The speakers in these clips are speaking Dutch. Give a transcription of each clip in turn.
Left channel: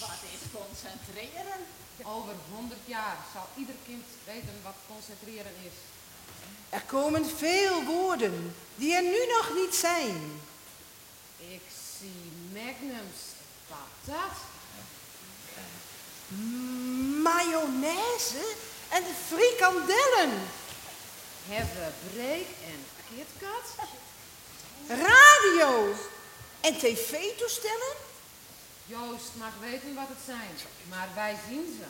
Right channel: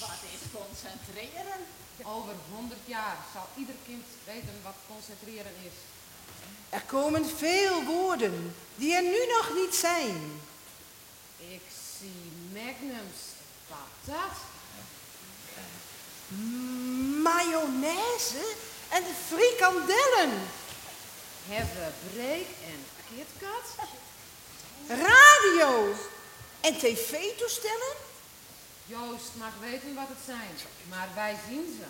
Wat is concentreren? Over 100 jaar zal ieder kind weten wat concentreren is. Er komen veel woorden die er nu nog niet zijn. Ik zie magnums, patat, Mayonaise en frikandellen. hebben break en KitKat. Radio en tv-toestellen. Joost mag weten wat het zijn, maar wij zien ze.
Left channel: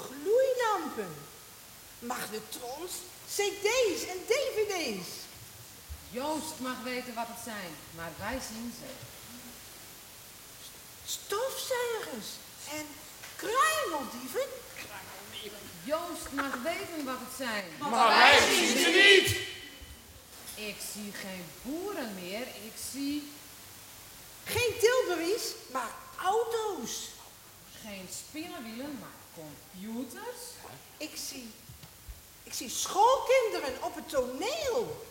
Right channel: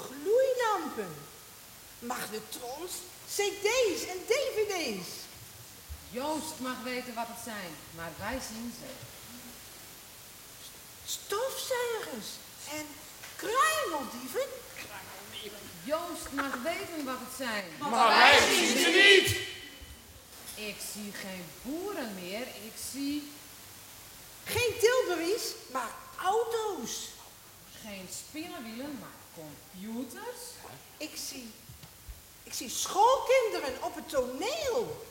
Gloeilampen. Magnetrons, cd's en dvd's. Joost mag weten wat het zijn, maar wij zien ze. Stofzuigers en kruimeldieven. Joost mag weten wat het zijn. Maar wij zien ze niet. Ik zie geen boeren meer, ik zie Geen Tilburys, maar auto's. geen spinnenwielen, maar computers. Ik zie schoolkinderen op het toneel.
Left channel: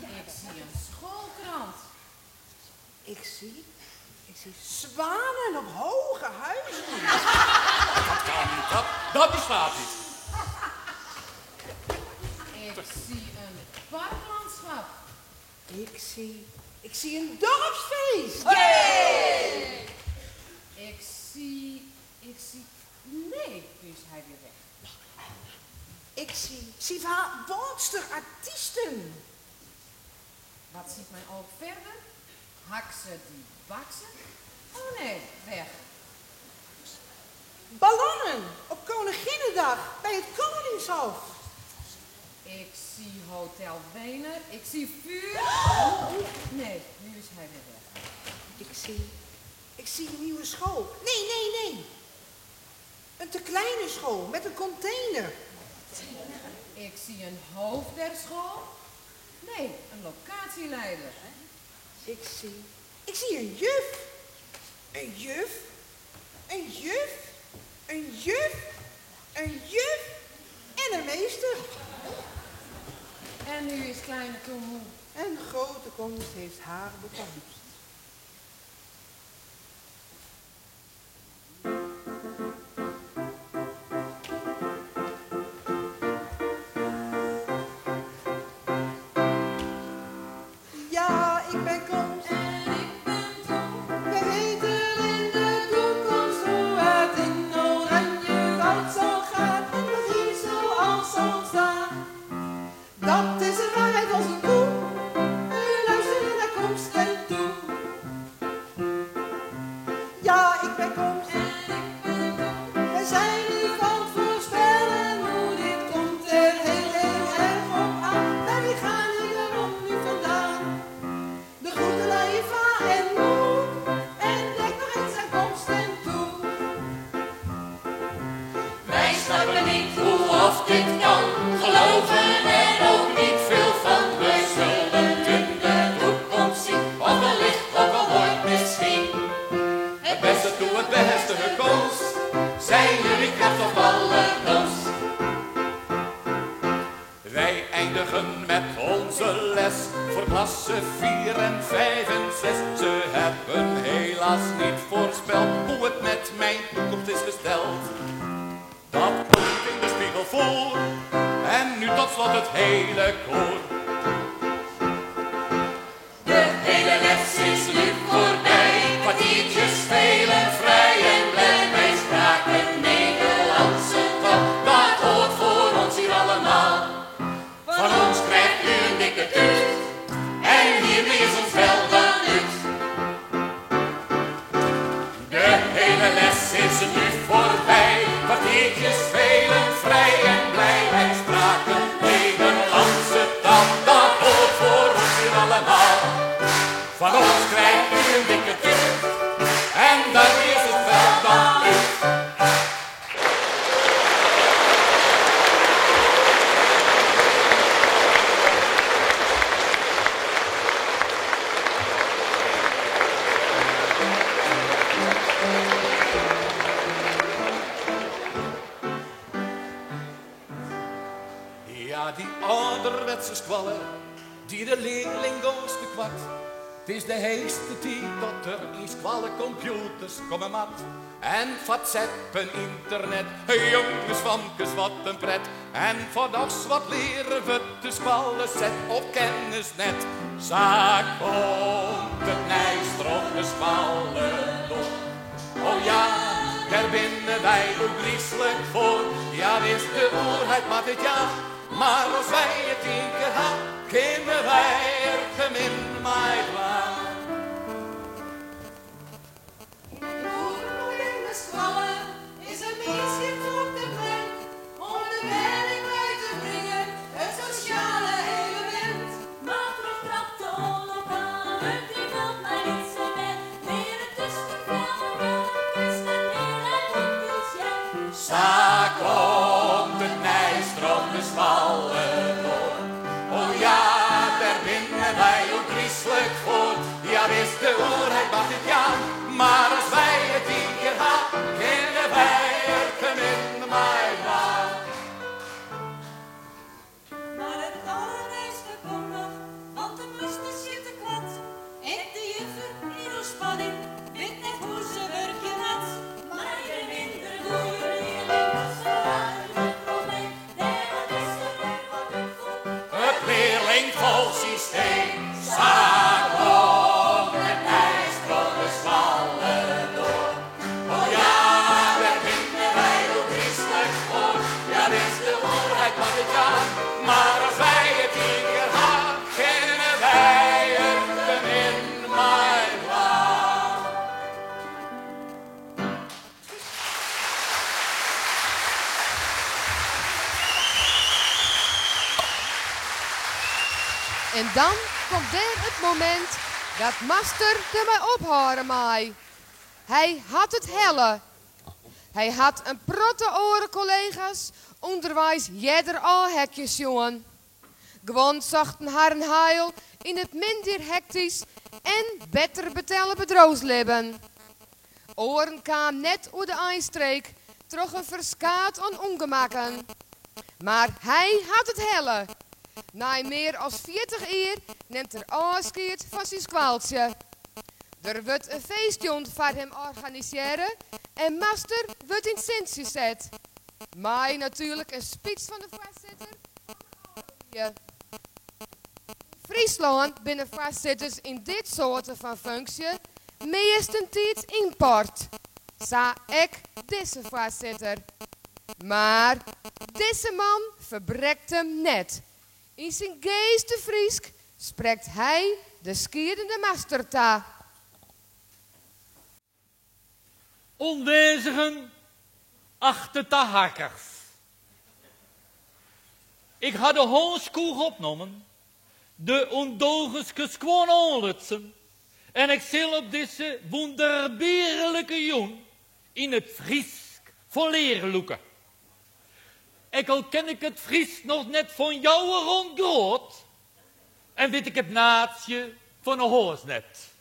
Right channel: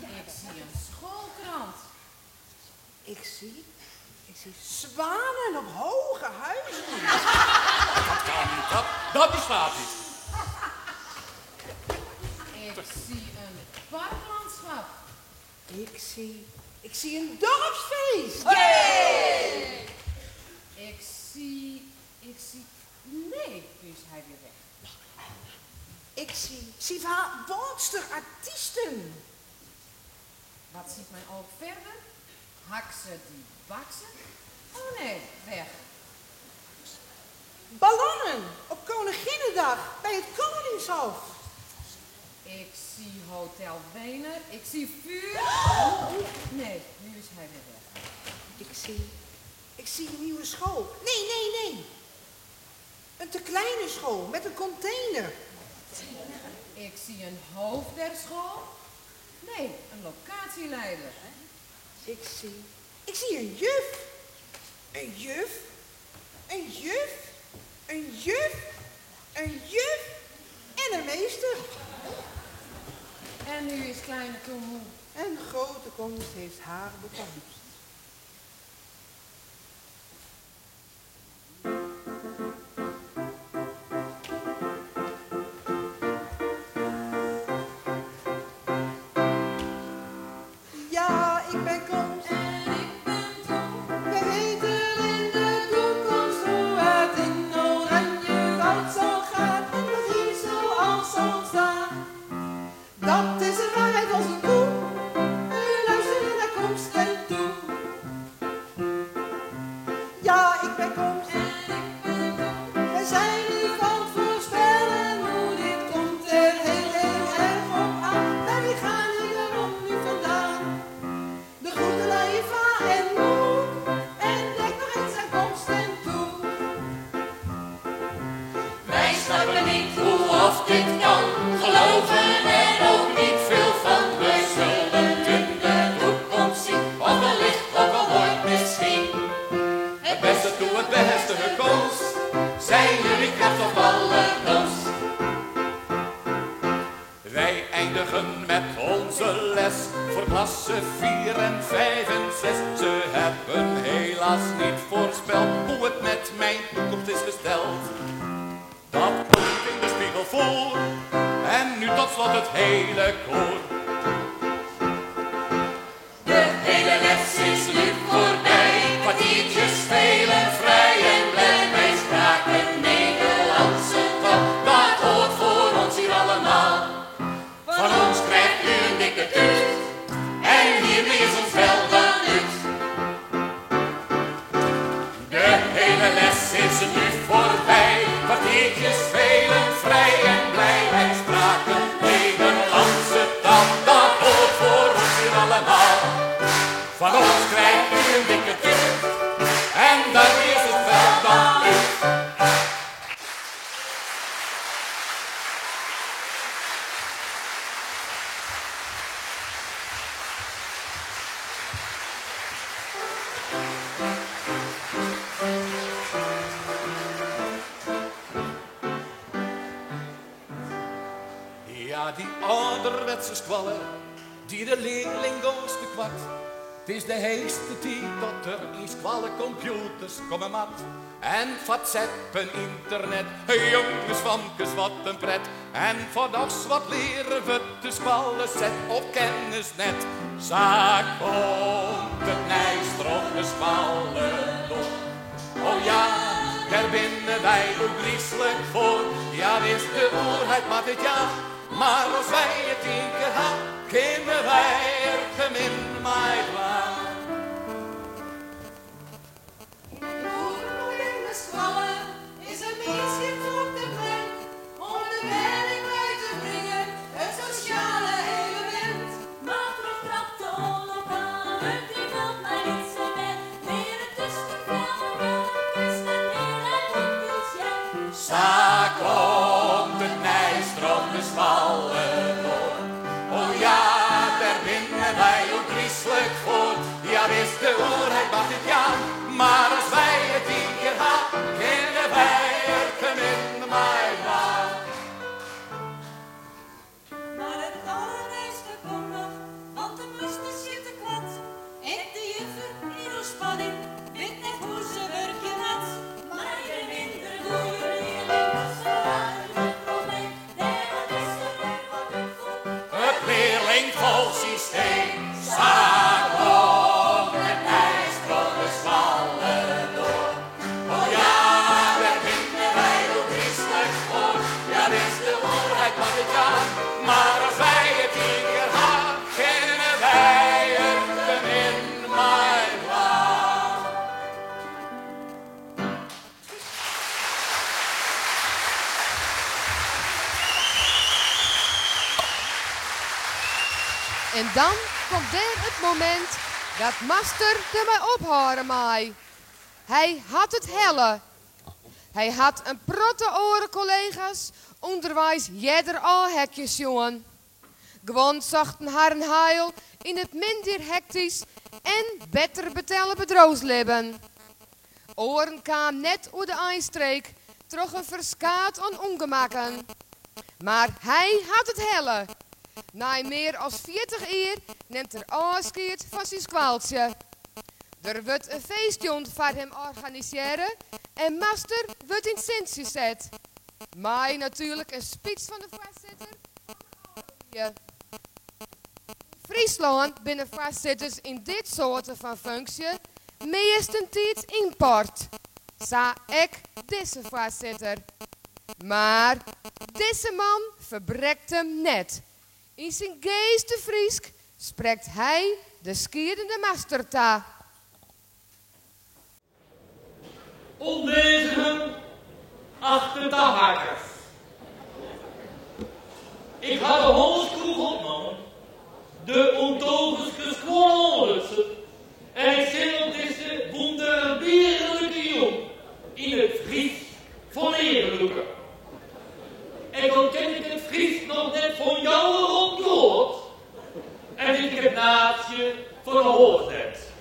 Ik zie een schoolkrant. Ik zie zwanen op hoge huizen. Dat kan niet, dat bestaat niet. Ik zie een parklandschap. Ik zie een dorpsfeest. Ik zie... Nee, nu is hij weer weg. Ik zie artiesten. Wat ziet mijn oog verder? Haksen die baksen? Oh nee, weg. Ballonnen op Koninginnedag bij het Koningshof. Ik zie Hotel Wenen. Ik zie vuur. Nee, nu is hij weer weg. Ik zie een nieuwe school. Nee. Een te kleine school met een container. Ik zie een hoofd der school. Nee, een locatieleider. Ik zie een juf. Een juf. Een juf. Een juf. Een juf. En een meester. En nu is kleine Tom moe. En grote komst heeft haar bekomst. Ja, ik ben komst. En ik ben Tom. We weten in de toekomst hoe het in oranje goud zal gaan. En wat hier zoals zal ontstaan. Dat is de waarheid als een koe. U luistert naar komst en toe. Ja, ik ben komst. En ik ben Tom. We zijn nu van het voorspellen hoe dit komt er heel erg op aan. En wie gaan hier daarom nu vandaan? De goede Leiva en Moe. En denk nog eens aan komst en toe. Wij snappen niet hoe of dit kan, geloven er ook niet veel van. We zullen in de toekomst zien, of wellicht ook al ooit misschien. Het beste toe, het beste gekost. Zijn jullie kracht of alle komst? Wij eindigen met onze les voor klasse 4 en 5 en 6. Ze hebben helaas niet voorspeld hoe het met mijn toekomst is gesteld. Dat komt in de spiegel voor. En nu tot slot het hele koor. De hele les is nu voorbij, kwartiertjes spelen vrij en blij. Wij spraken Nederlandse taal, dat hoort voor ons hier allemaal. Van ons krijgt u een dikke tuut, en hiermee is ons wel dan uit. De hele les is nu voorbij, kwartiertjes spelen vrij en blij. Wij spraken Nederlandse taal, dat hoort voor ons hier allemaal. Van ons krijgt u een dikke tuut, en daarmee is het wel dan uit. Ja, die ouderwetse squallen die de leerling goos kwart. Het is de heeste tijd dat er in squalle computers komen mat. En WhatsApp en internet, jongens, famkes, wat een pret. En vandags wat leren we te squallen, zet op kennisnet. Zaak komt het nijstrop de squallen door. Oh ja, daar binnen wij ook griezelig voor. Ja, is de oerheid maar dit jaar. Maar als wij het één keer gaan, kunnen wij er gemin mij klaar. Is een meisje op de plek om de werk bij te brengen, het sociale element. Maar toch trapt de oorlog aan, het valt mij niet zo net. Meer het tussenveld, is de meerheid op budget. Zaak komt het nijstrop de zwallen door. Oh ja, daar binnen wij ook griezelig voor. Ja, is de oerheid mag het ja, maar als wij het één keer gaan, kunnen wij er gemin mij maar. Maar het allermeeste komt nog, want de moesten zitten kwad. En de juffer in haar spanning, weet net hoe ze werken had. Maar je minder goede leerling, ze waren het probleem. Daar is er weer wat in voor. Het leerlingvol systeem, zaak op het nijstrop de zwallen door. Oh ja, daar vinden wij ook christelijk voor. Ja, dit is de oerheid mag het ja, maar als wij het één keer gaan, kennen wij er gemin mij waar. En dan komt er het moment dat master er mij opharen maai. Hij had het helle. Hij had een protte oren collega's, onderwijs jeder al hekjes jongen. Gewoon zochten haar een heil in het minder hectisch en beter betellen bedroosleven. Oren kwam net over de eindstreek, troch een verskaat aan ongemakken. Maar hij had het helle. Na meer als 40 jaar neemt er afscheid van zijn kwaaltje. Er wordt een feestje voor hem organiseren en master wordt in Sint gezet. Maar natuurlijk een speech van de voorzitter. Friesland binnen voorzitters in dit soort van functie meestentijd import. Sa ik deze voorzitter. Maar deze man verbrekt hem net. In zijn geeste Friesk spreekt hij de skierende masterta. Onwezigen achter de hakkers. Ik had de homeschool opgenomen, de ondogenske squalonlutsen, en ik zal op deze wonderbierlijke jong in het Fries voor leren loeken. Ik al ken ik het Fries nog net van jou rondgehoord, en weet ik het naadje van een hoornet.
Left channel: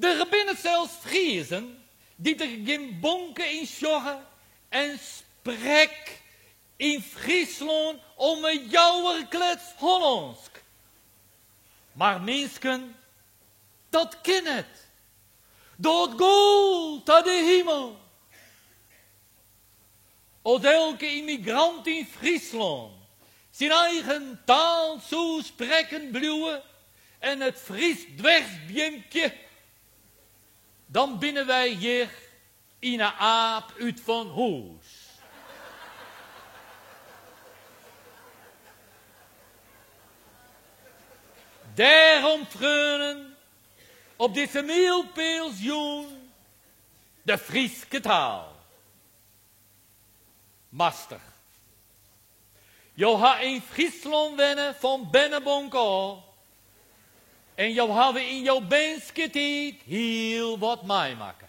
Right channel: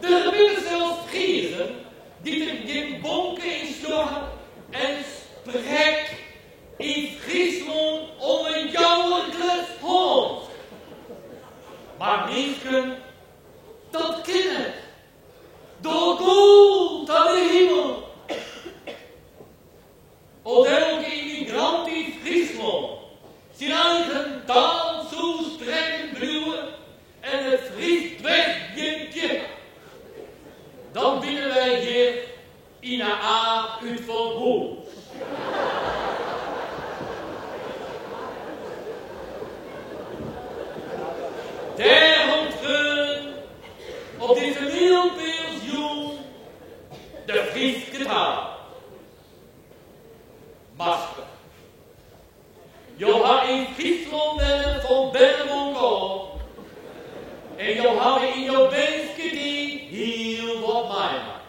Er binnen zelfs Friesen die er geen bonken in sjoggen en sprek in Friesland om een jouwerklets Hollandsk. Maar mensen, dat ken het. Dat gold aan de hemel. Als elke immigrant in Friesland zijn eigen taal zo spreken bluwen en het Fries dwegsbjentje, dan binnen wij hier in een aap uit van Hoes. Daarom treuren op deze meelpeelsjoen de Frieske taal. Master, jou ha in Friesland wennen van Bennebonk al. En jou hebben in jouw benske tijd heel wat meemaken.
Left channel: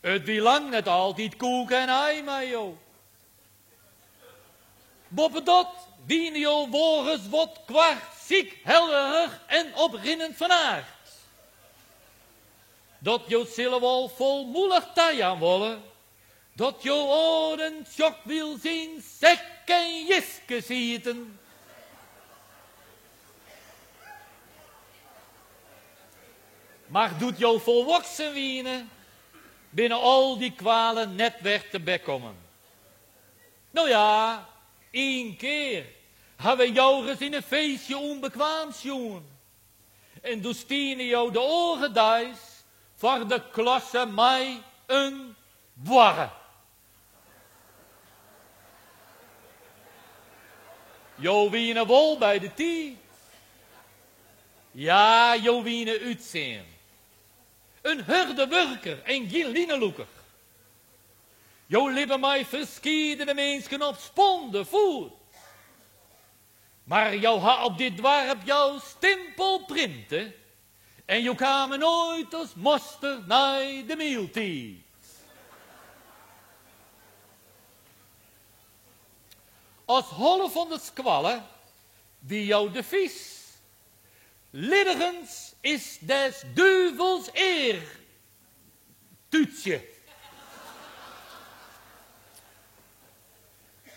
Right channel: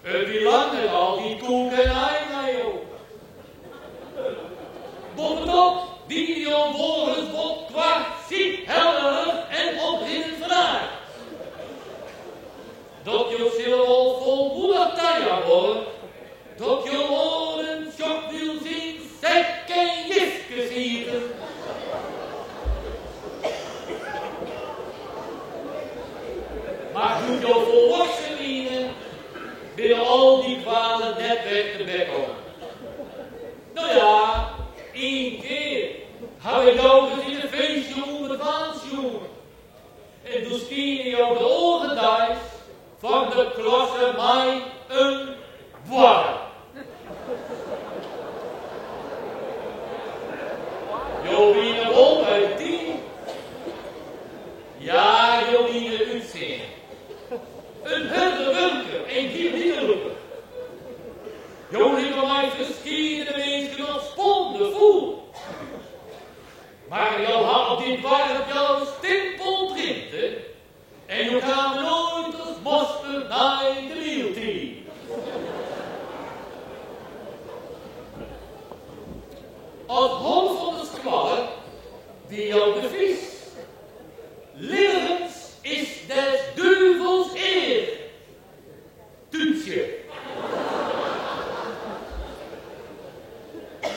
Het wie lang net al die koek en ei met jou. Bovenop dienen jou volgens wat kwart ziek, hellerig en oprinnend van aard. Dat jou zullen wel volmoedig taja worden, dat jou oren sjok wil zien, sek en jiske zitten. Maar doet jou volwassen wienen binnen al die kwalen net weg te bek komen. Nou ja, 1 keer hebben jou gezien een feestje onbekwaams jongen. En toen stieren jou de ogen thuis van de klasse mij een boarre. Jou wienen wol bij de 10. Ja, jou wienen uitzien. Een hurdenwerker en gillineloeper. Jou liepen mij verschillende mensen op sponden voer. Maar jou had op dit dorp jouw stempel printen. En jou kwam nooit als moster naar de meeltijd. Als hol van de squallen, wie jou de vis. Lilligens is des duivels eer. Toetje.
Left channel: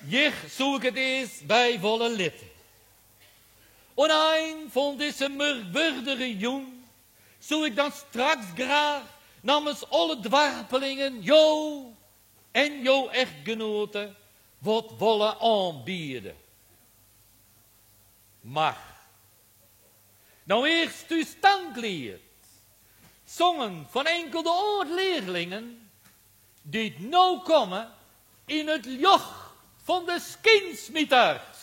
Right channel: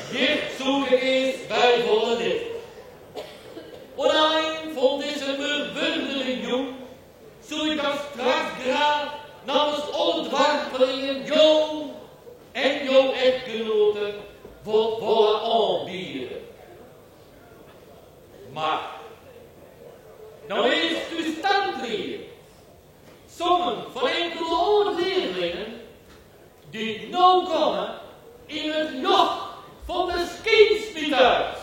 Hier zoek het eens bij volle lid. En een van deze merwurdere jong, zou ik dan straks graag namens alle dwarpelingen jou en jouw echtgenoten wat willen aanbieden. Maar, nou eerst uw standleer, zongen van enkele oud-leerlingen, die nou komen in het joch van de skinsmieters.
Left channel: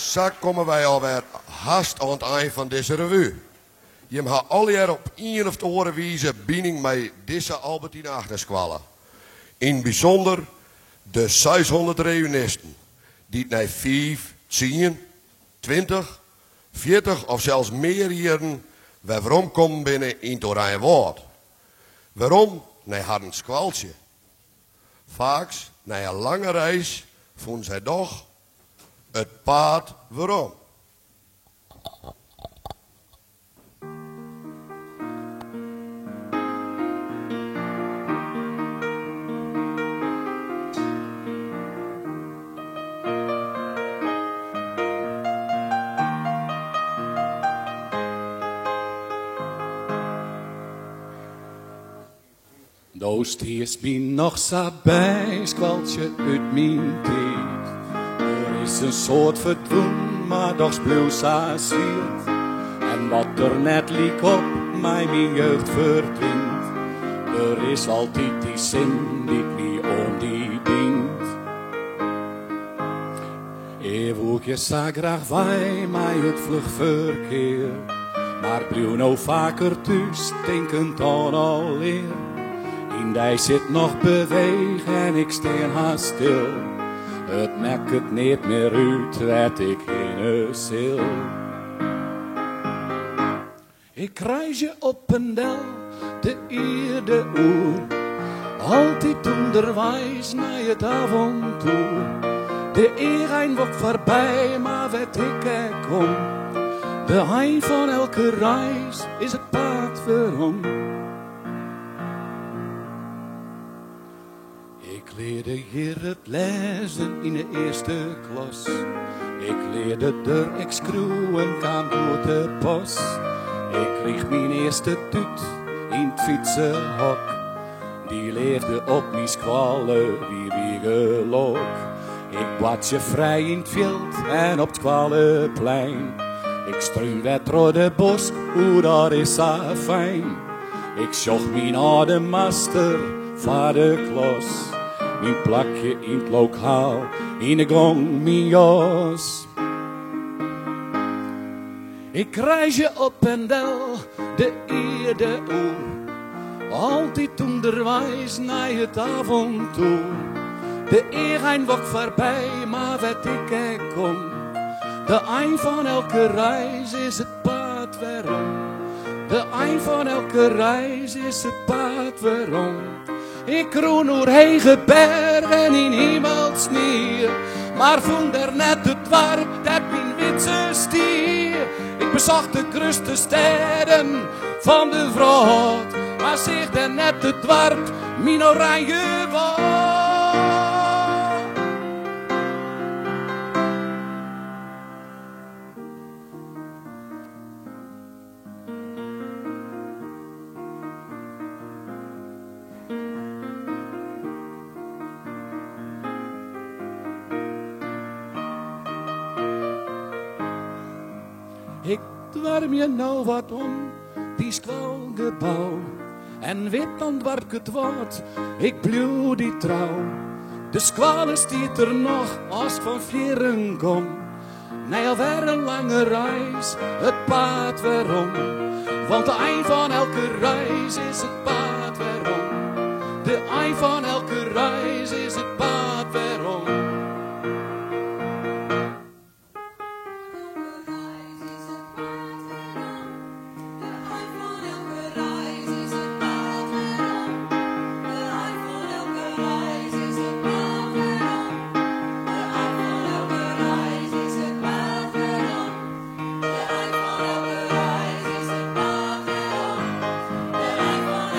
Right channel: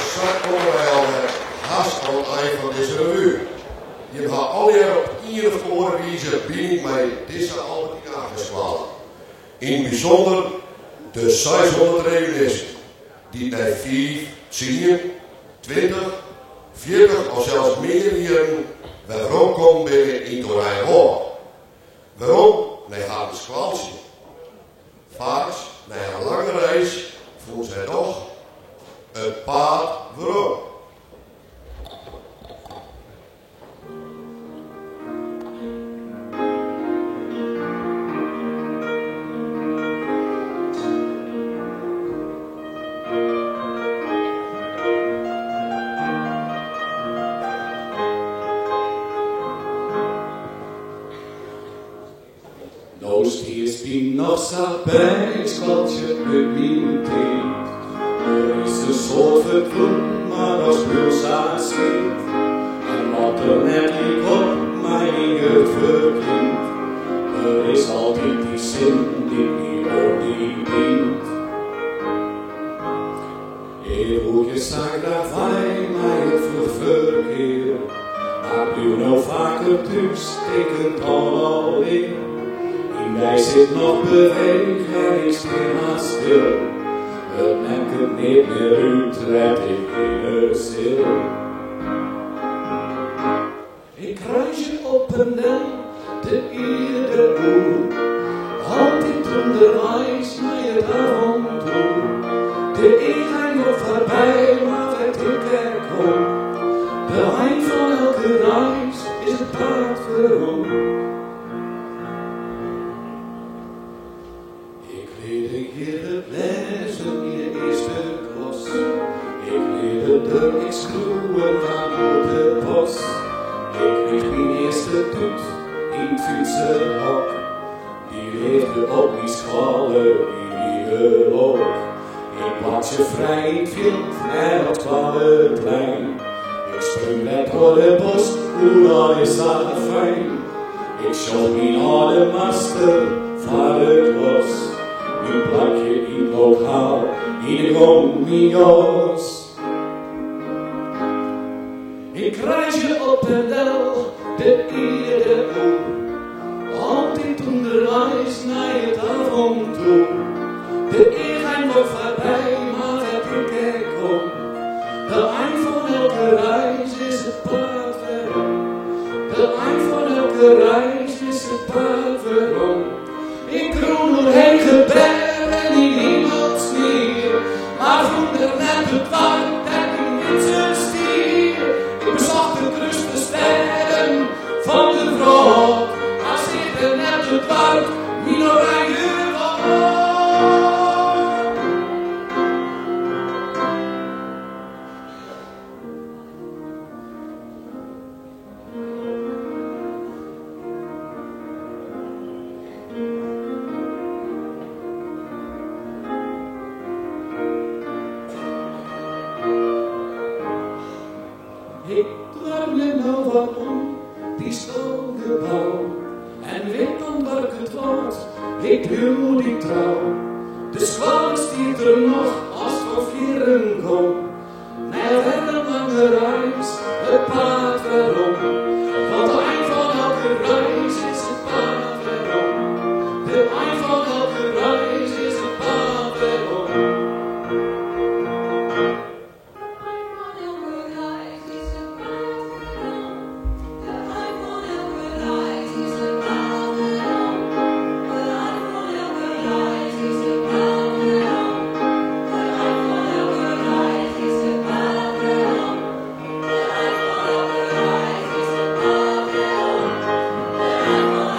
zo komen wij al met haast aan het eind van deze revue. Je gaat alweer op een of andere wijze binding met deze Albertine Achterskwaal. In het bijzonder de 600 reunisten die na 5, 10, 20, 40 of zelfs meer jaren waarom komen binnen in het Oranje Woord. Waarom? Nee, had een squaaltje. Vaak, na een lange reis, vonden zij toch het paard waarom. Doost is bien nog zo bij, squaltje uit mijn tijd. Er is een soort verdwoen, maar dat is bloos als zweet. En wat er net liek op mijn jeugd verdwijnt. Er is altijd die zin die niet om die dient. Eeuwig je zag graag wij, maar het vluchtverkeer. Maar blijf nou vaker thuis, denkend aan alweer. Hij zit nog beweeg en ik steer haast stil. Het mek het niet meer uit, red ik in een zil. Ik kruis je op een del, de eerde oer. Altijd onderwijs naar het avontuur. De eeuwijn wordt voorbij, maar weet ik er kom. De eind van elke reis is het paard waarom. Ik leerde hier het lezen in de eerste klas. Ik leerde de excruwen gaan door de bos. Ik kreeg mijn eerste toet in het fietsenhok. Die leefde op mijn squallen, die wiegelok. Ik bad je vrij in het veld en op het Squallenplein. Ik sprong met door de bos, hoe dat is zo fijn. Ik zocht mijn oude master van de klos. Mijn plakje in het lokaal, in de gong, mijn jas. Ik reis je op en del, de eerde oer. Altijd onderwijs naar het avontuur. De eeuwijn wordt voorbij, maar weet ik er kom. De eind van elke reis is het paard waarom. De eind van elke reis is het paard waarom. Ik kroon doorheen gebergen in hemelsneer, maar vond er net het warm dat mijn witse stier. Ik bezocht de kruste sterren van de vroeg, maar zich er net het warm mijn oranje woord. Ik dwarm je nou wat om, die stalgebouw. En weet dan waar ik het woord, ik pluw die trouw. De squale stiet er nog als van vieren kom. Na alweer een lange reis, het paard waarom. Want de eind van elke reis is het paard waarom. De eind van elke reis is het paard waarom. De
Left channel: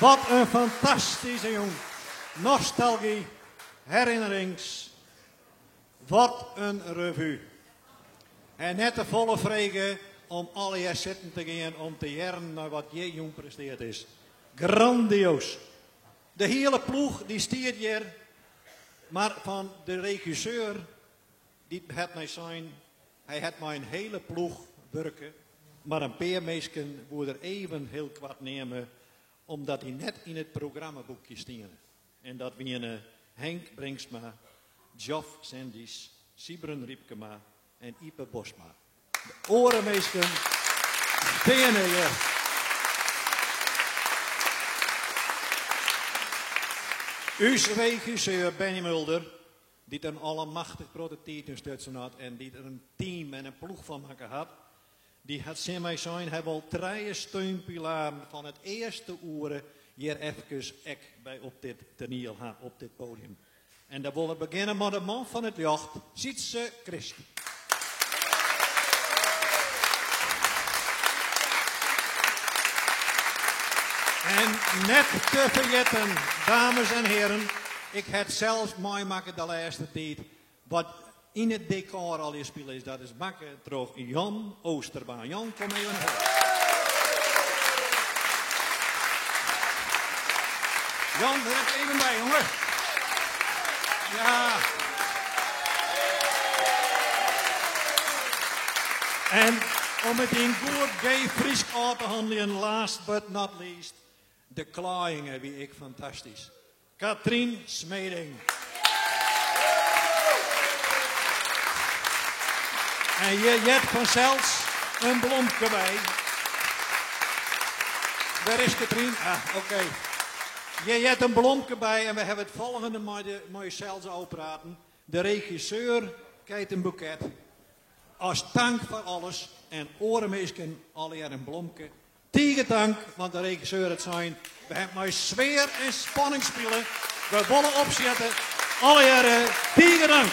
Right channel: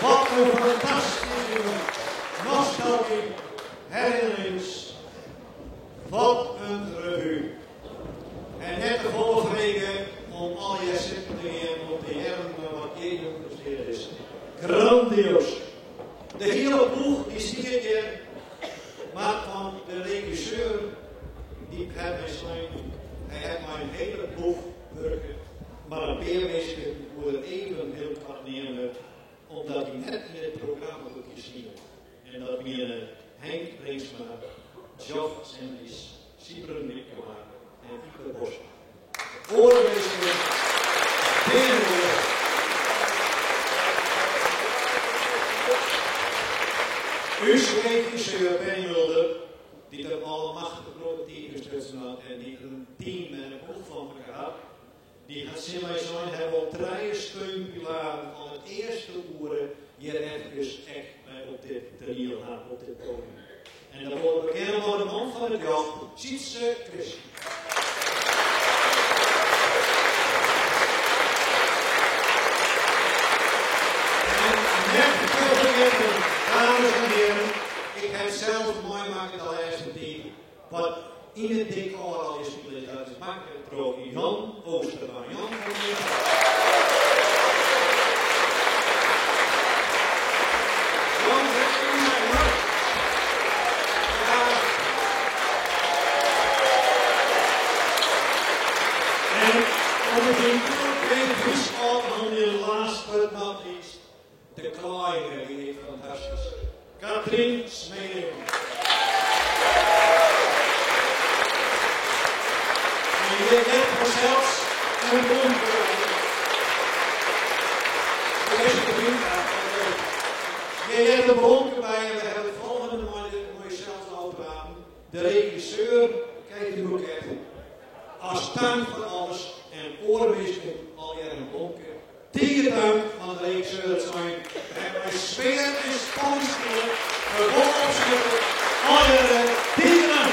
Wat een fantastische jongen. Nostalgie, herinnerings. Wat een revue. En net de volle vregen om alle jaar zitten te gaan om te jaren naar wat jij jong presteerd is. Grandioos. De hele ploeg die stiert hier, maar van de regisseur die het mij zijn, hij heeft mij een hele ploeg werken, maar een paar mensen moet er even heel kwart nemen, omdat hij net in het programmaboekje stiert. En dat waren Henk Bringsma, Joff Sendis, Sibren Liepkema en Ipe Bosma. Orenmeester, Benen. Uw regisseur Benny Mulder, die een allemachtig grote team had en die er een team en een ploeg van elkaar had, die had zijn mij zijn, hij wil 3 steunpilaren van het eerste uren hier even bij op dit toneel gaan, op dit podium. En dan willen we beginnen met de man van het jacht, Sietse Chris. En net te vergeten, dames en heren, ik heb zelf mooi maken de laatste tijd. Wat in het decor al is spelen is, dat is maken door Jan Oosterbaan. Jan, kom hier. Jan, zeg even mij, hoor. Ja. En om het hier door geen Fries aan te handelen, last but not least, de klaaien wie ik fantastisch. Katrien Smeding. En je hebt vanzelfs een bloemke bij. Waar is Katrien? Ja, oké. Je hebt een bloemke bij en we hebben het volgende mooie zelfs al praten. De regisseur krijgt een boeket. Als dank voor alles en orenmeesken alweer een bloemke. Tegen dank van de regisseur het zijn. We hebben bij sfeer en spanning spelen. We willen opzetten. Alweer tegen dank.